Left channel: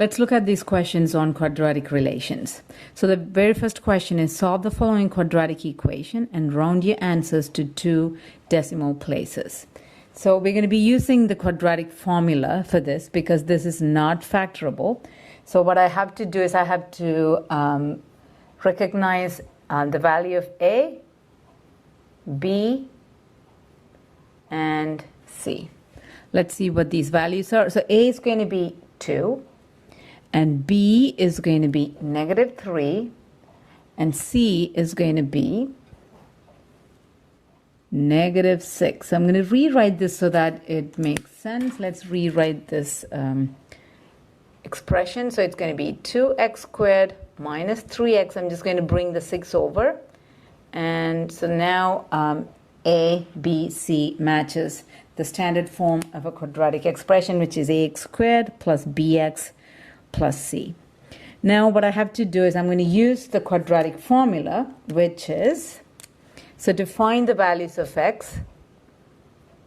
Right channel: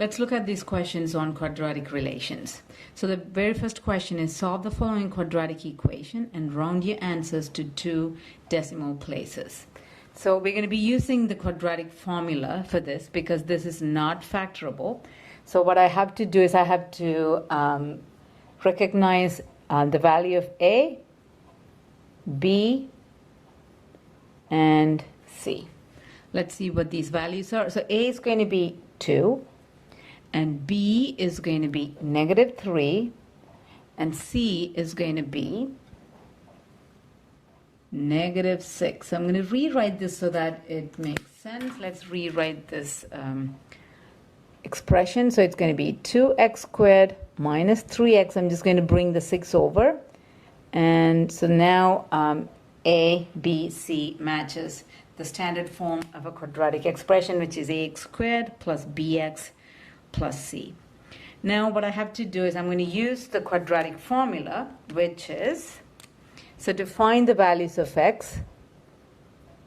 Let's look at these questions on quadratic relations. So the very first question is solve the following quadratic equation and round your answers to 2 decimal places. So we're going to be using the quadratic formula for this because this is not factorable. So what I have to do is I have to recognize the value of A, B, and C. Let's see what these values are. So A is going to be 2. And B is going to be -3, and C is going to be -6. I'm going to rewrite this so that it makes sense. Let's rewrite this expression. So it's going to be 2x squared minus 3x. I'm just going to bring the 6 over. And so now A, B, C matches the standard form of a quadratic expression, which is ax squared plus bx plus c. Now what I have to do is I'm going to use the quadratic formula, which is, so to find the values of x,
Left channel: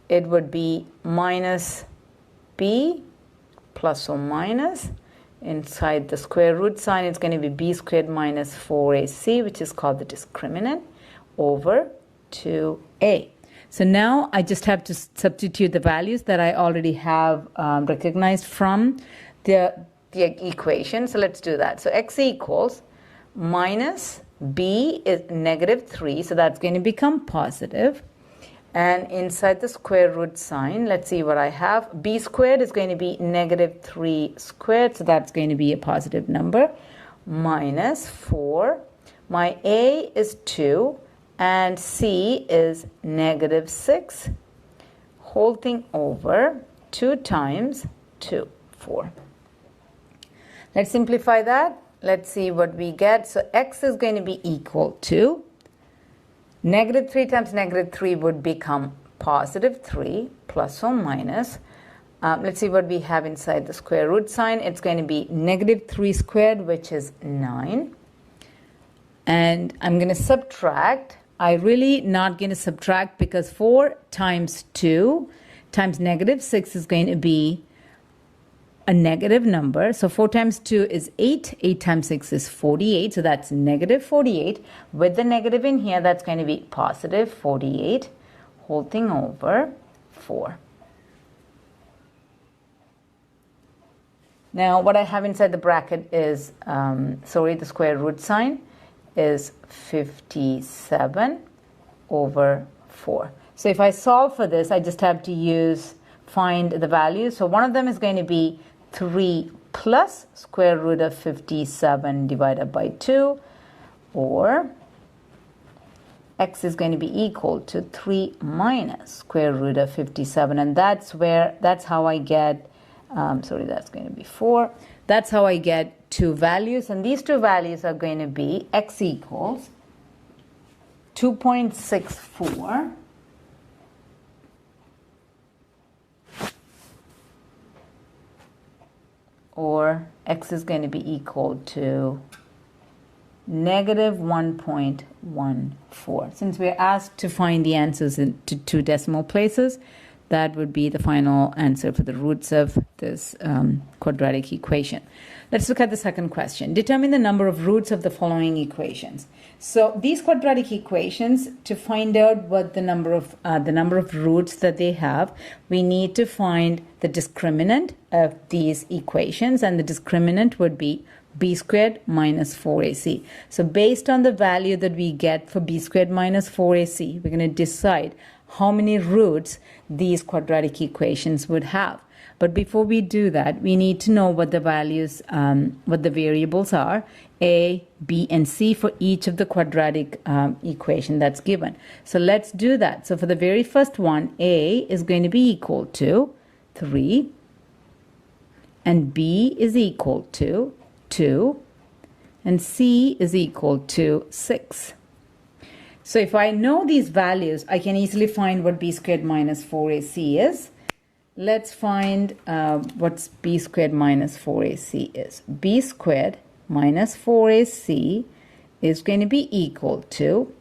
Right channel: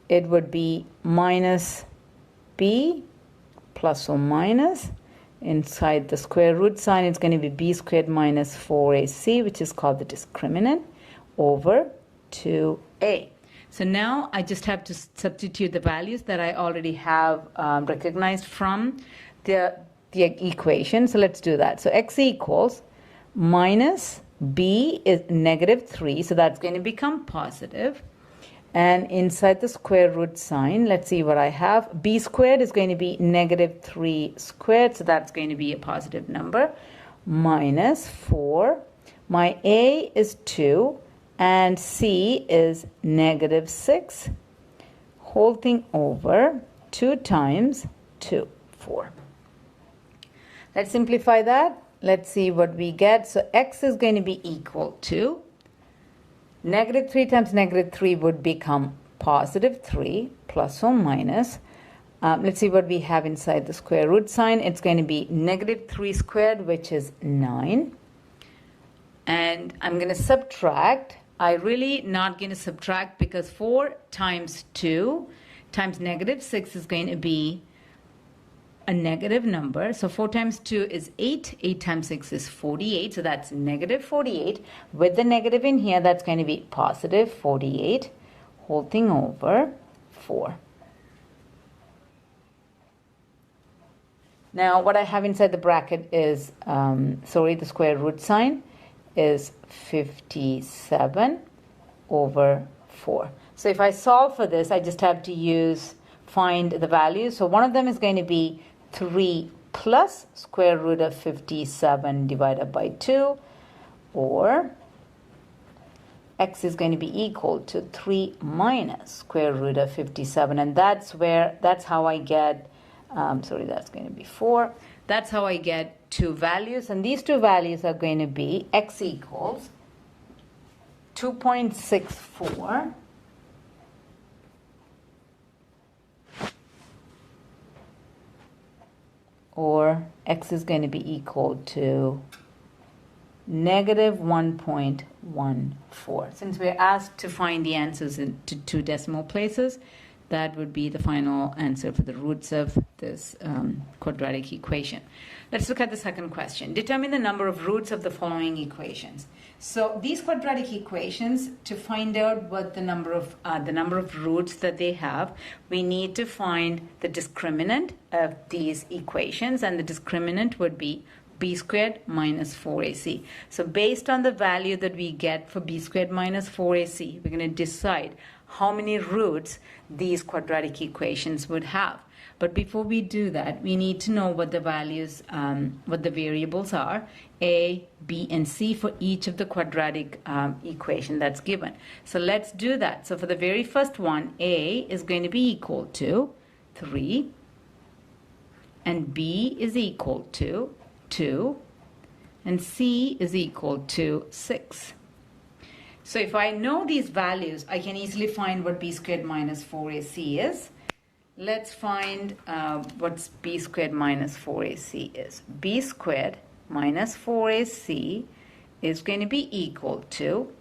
it would be minus b plus or minus, inside the square root sign it's going to be b squared minus 4ac, which is called the discriminant, over 2a. So now I just have to substitute the values that I already have recognized from the equation. So let's do that. So x equals minus b is -3, so that's going to become positive. And inside the square root sign, let's see what I have. B squared is going to be -3 squared, so that's going to be a positive number, minus 4. My A is 2, and C is -6. Whole thing over 2 times 2, 4. Let's simplify that. Let's see what we get. So x is going to be equal to -3 times -3 would become +3 plus or minus. Let's see what we have inside the square root sign. It's going to be -3 squared, which is 9. And I'm going to subtract. I'm really not going to subtract because 4 times 2 times -6 is going to be a negative number. So 4 times 2 is 8. 8 times 6 is 48. So that's -48. With the negative in here, that's going to be +48. Whole thing over 4. Now what I have inside the bracket is, the square root sign is 57 over 4. So if I solve for this, I just have to find the values. So one of them is going to be 3 plus square root of 57 divided by 2, or x is going to be equal to 3 minus square root of 57, and that's how I get, that's going to be 4. That's how I get 2 values, and these 2 values are going to be x equals 2.64 or x is going to be equal to -1.14. Since we're asked to find the answers into 2 decimal places, that would be the final answer for the roots of this quadratic equation. Let's look at the second question. Determine the number of roots of the following equations. So these quadratic equations, to find out what the number of roots that they have, we need to find the discriminant of these equations, and the discriminant would be b squared minus 4ac. So based on the value that we get for b squared minus 4ac, we're going to decide how many roots these quadratic equations would have. But before we do that, we need to know what the values, what the variables are, a, b, and c for each of the quadratic equation that's given. So let's do that. So for the very first one, a is going to be equal to 3, and b is equal to 2, and c is equal to 6. So if I know these values, I can easily find what b squared minus 4ac is. Let's find what b squared minus 4ac is. B squared minus 4ac is going to be equal to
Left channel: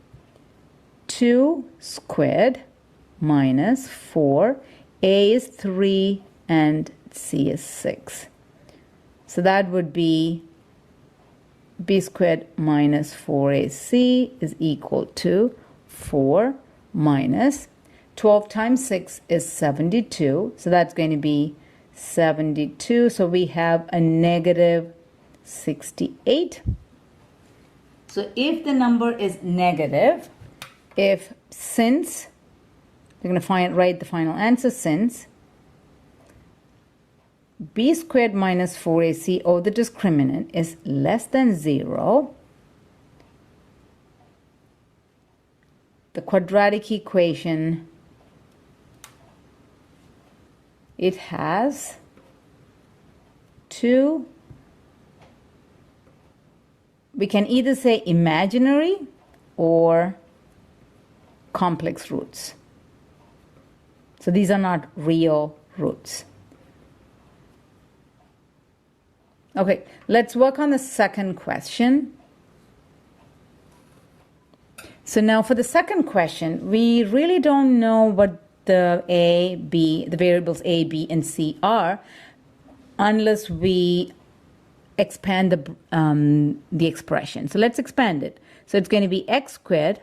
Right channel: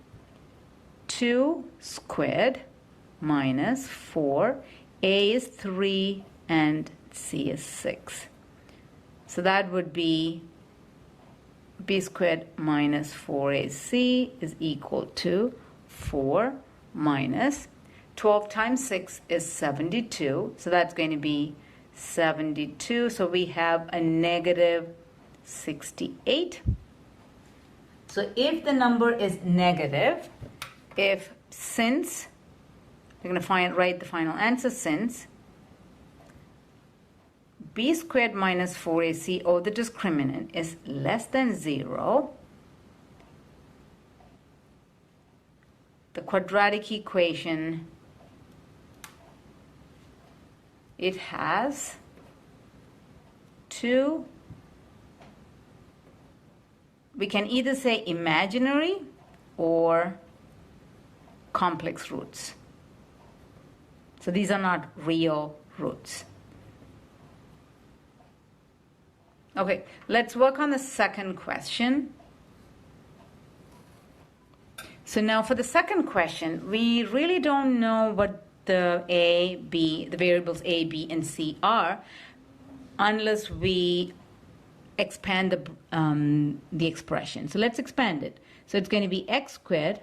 2 squared minus 4. A is 3 and c is 6. So that would be b squared minus 4ac is equal to 4 minus 12 times 6 is 72. So that's going to be 72. So we have a negative 68. So if the number is negative, since we're going to write the final answer, since b squared minus 4ac, or the discriminant, is less than 0, the quadratic equation, it has two, we can either say imaginary or complex roots. So these are not real roots. Okay, let's work on the second question. So now for the second question, we really don't know what the variables a, b, and c are unless we expand the expression. So let's expand it. So it's going to be x squared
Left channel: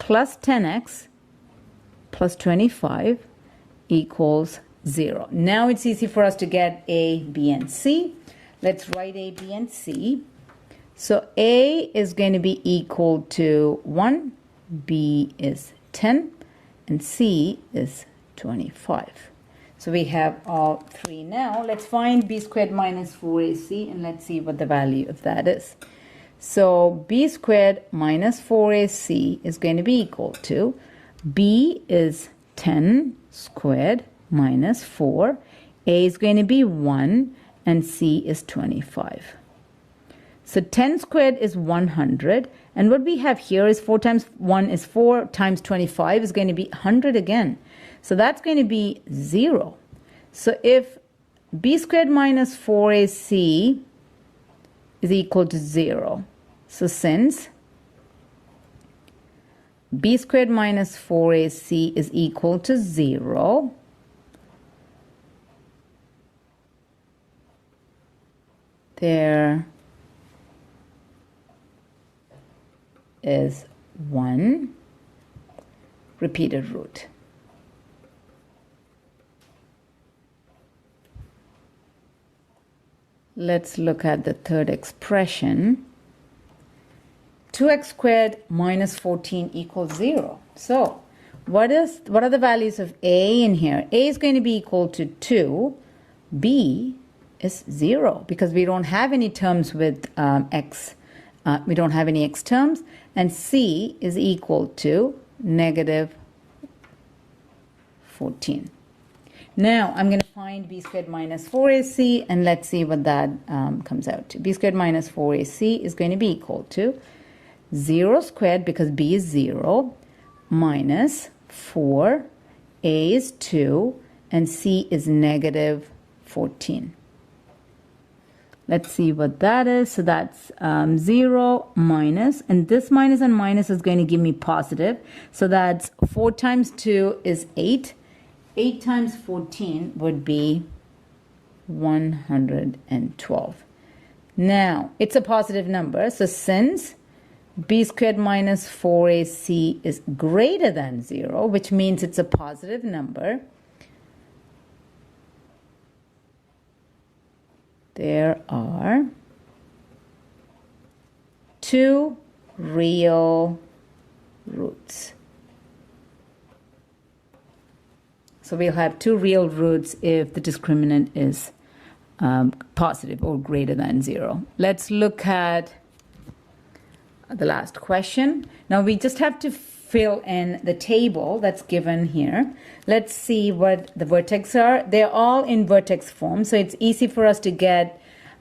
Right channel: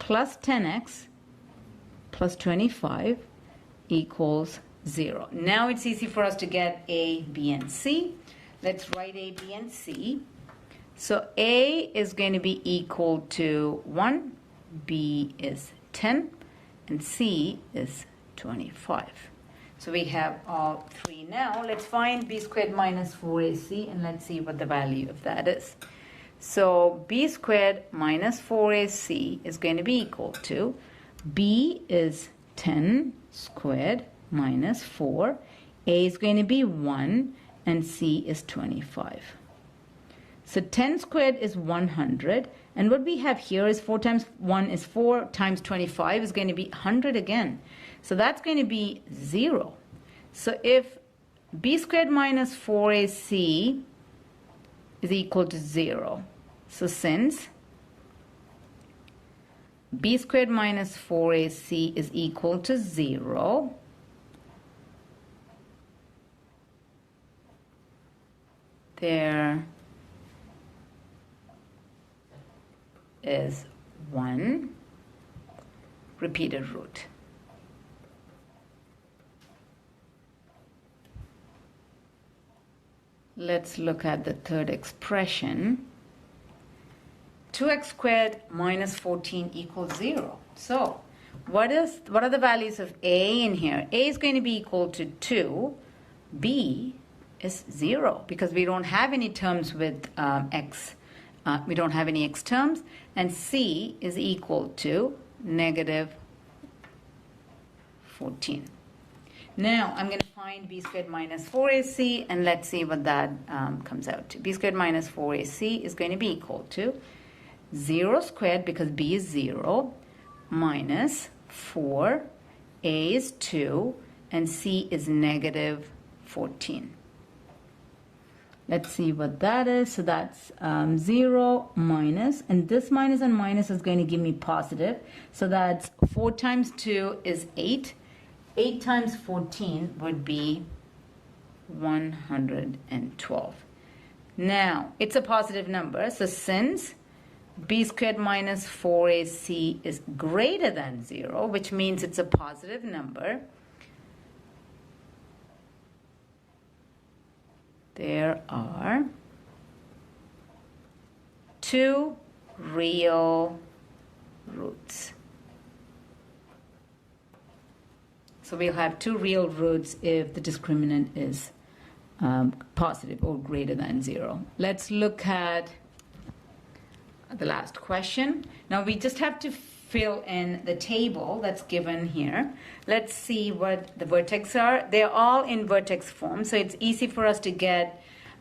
plus 10x plus 25 equals 0. Now it's easy for us to get a, b, and c. Let's write a, b, and c. So a is going to be equal to 1, b is 10, and c is 25. So we have all three now. Let's find b squared minus 4ac, and let's see what the value of that is. So b squared minus 4ac is going to be equal to, b is 10 squared minus 4, a is going to be 1, and c is 25. So 10 squared is 100, and what we have here is 4 times 1 is 4 times 25 is going to be 100 again. So that's going to be 0. So if b squared minus 4ac is equal to 0, so since b squared minus 4ac is equal to 0, there is one repeated root. Let's look at the third expression. 2x squared minus 14 equals 0. So what are the values of a in here? A is going to be equal to 2. B is 0 because we don't have any terms with x. We don't have any x terms. And c is equal to negative 14. Now I'm going to find b squared minus 4ac, and let's see what that comes out to. B squared minus 4ac is going to be equal to 0 squared, because b is 0, minus 4, a is 2, and c is negative 14. Let's see what that is. So that's 0 minus, and this minus and minus is going to give me positive. So that's 4 times 2 is 8. 8 times 14 would be 112. Now, it's a positive number. So since b squared minus 4ac is greater than 0, which means it's a positive number, there are two real roots. So we'll have two real roots if the discriminant is positive or greater than 0. Let's look at the last question. Now we just have to fill in the table that's given here. Let's see what the vertex are. They're all in vertex form, so it's easy for us to get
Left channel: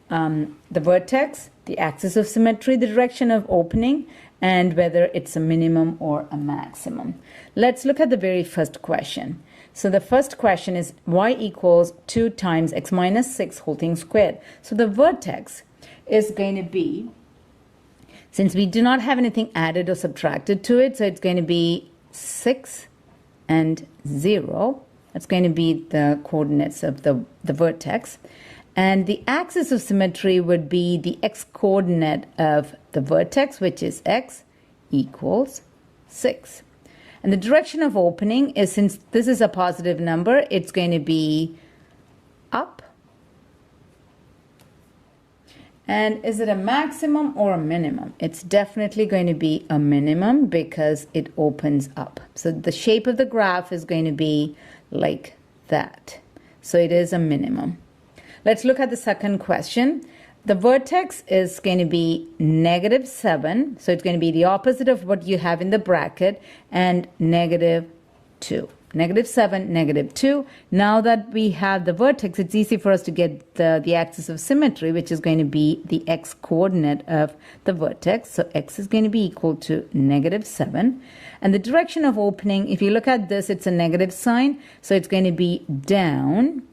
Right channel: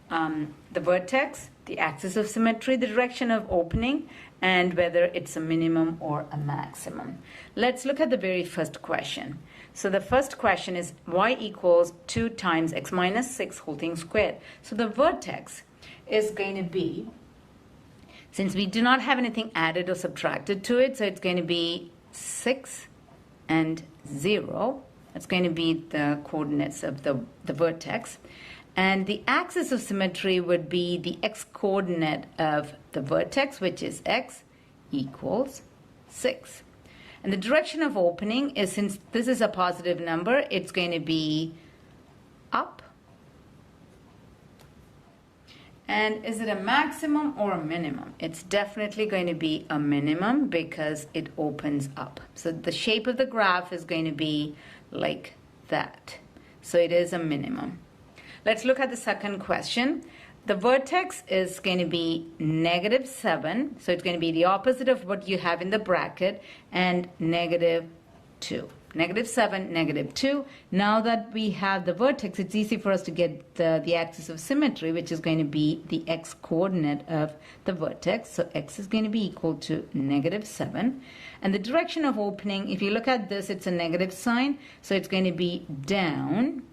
the vertex, the axis of symmetry, the direction of opening, and whether it's a minimum or a maximum. Let's look at the very first question. So the first question is y equals 2 times x minus 6 whole thing squared. So the vertex is going to be, since we do not have anything added or subtracted to it, so it's going to be 6 and 0. That's going to be the coordinates of the vertex. And the axis of symmetry would be the x-coordinate of the vertex, which is x equals 6. And the direction of opening is, since this is a positive number, it's going to be up. And is it a maximum or a minimum? It's definitely going to be a minimum because it opens up. So the shape of the graph is going to be like that. So it is a minimum. Let's look at the second question. The vertex is going to be -7. So it's going to be the opposite of what you have in the bracket, and -2. -7, -2. Now that we have the vertex, it's easy for us to get the axis of symmetry, which is going to be the x-coordinate of the vertex. So x is going to be equal to -7. And the direction of opening, if you look at this, it's a negative sign. So it's going to be down.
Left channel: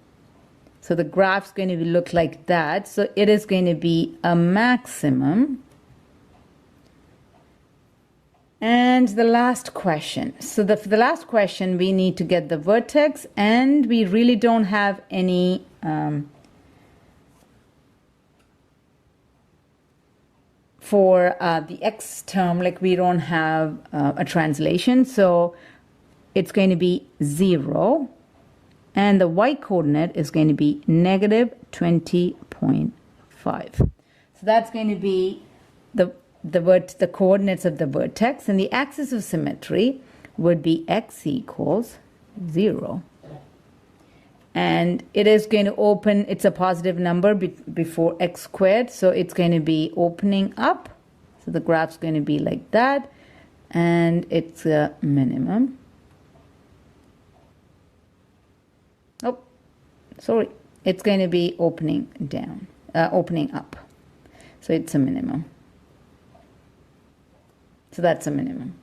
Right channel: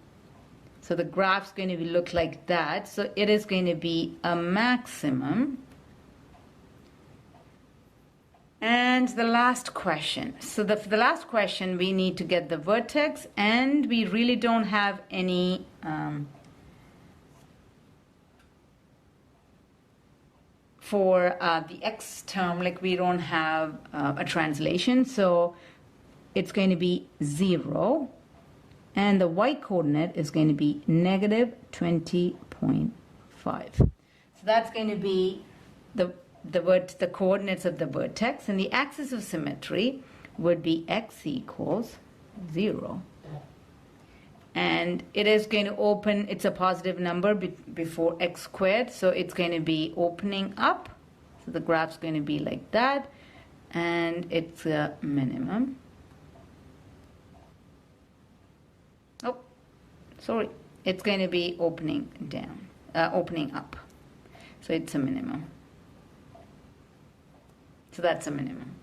So the graph's going to look like that. So it is going to be a maximum. And the last question. So for the last question, we need to get the vertex, and we really don't have any for the x term, like we don't have a translation. So it's going to be 0. And the y-coordinate is going to be -20.5. So that's going to be the coordinates of the vertex, and the axis of symmetry would be x equals 0. And it is going to open, it's a positive number before x squared, so it's going to be opening up. So the graph's going to be like that, and it's a minimum. Oh, sorry, it's going to be opening down, opening up. So it's a minimum. So that's a minimum.